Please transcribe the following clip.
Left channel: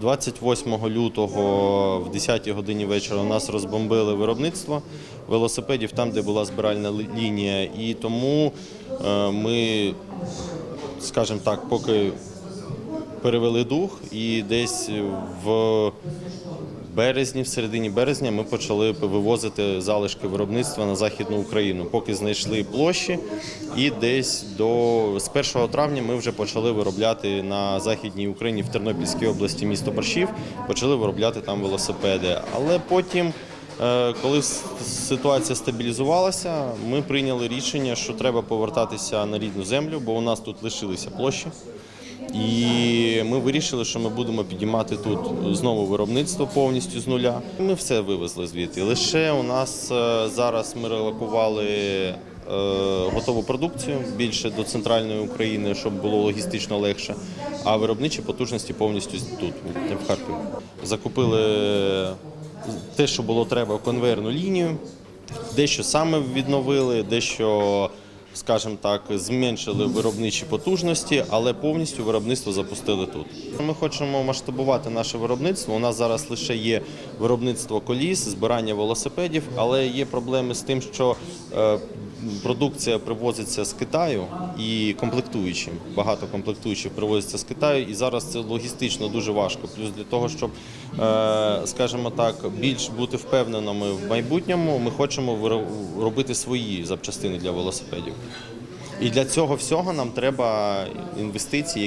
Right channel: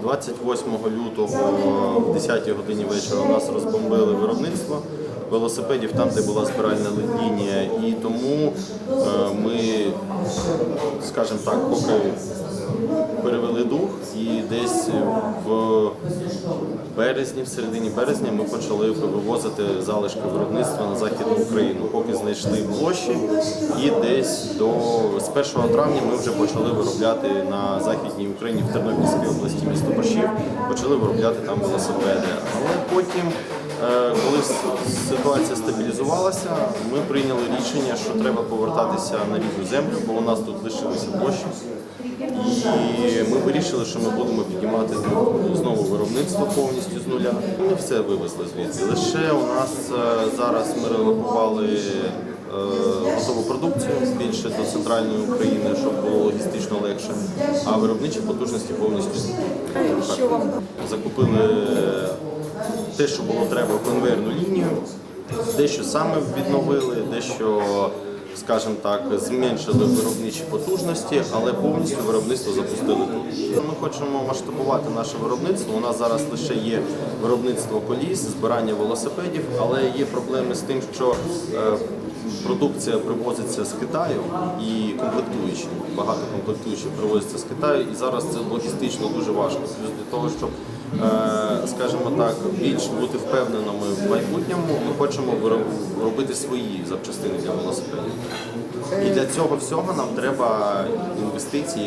28 лютого в 10 годині вечора у нас розбомбили виробництво велосипедів там, де була збиральна лінія. І тому е, ми, скажімо так, поки перевели дух, і десь в березні, в середині березня, ми почали вивозити залишки виробництва на західну Україну, поки знайшли площі. І десь до з 1 травня ми вже почали виробляти на західній Україні в Тернопільській області місто Борщів, почали виробляти там велосипеди. Але потім. Е, Коли ситуація стабілізувалася, ми прийняли рішення, що треба повертатися на рідну землю, бо у нас тут лишилися площі. І ми вирішили, що ми будемо піднімати тут знову виробництво повністю з нуля. Ми все вивезли звідти. Лише у нас е, зараз ми релокували е, готову продукцію більше до центральної України, щоб було логістично легше. А виробничі потужності повністю тут. Закупили те, що було треба, конвейерну лінію, дещо саме відновили, дещо скажімо так, зменшили виробничі потужності, але повністю виробництво запустили тут. Ми хочемо масштабувати наше виробництво. У нас зараз лише є виробництво коліс, збирання велосипедів, але є проблеми з тим, що е, продукція привозиться з Китаю і комплектуючі. Багато комплектуючих привозиться з Китаю, і зараз це логістично дуже важко. Плюс для того, щоб, е, скажімо так, більш бути впевненими в майбутньому, ми хочемо робити свої запчастини для велосипедів. І для цього всього нам треба інвестиції,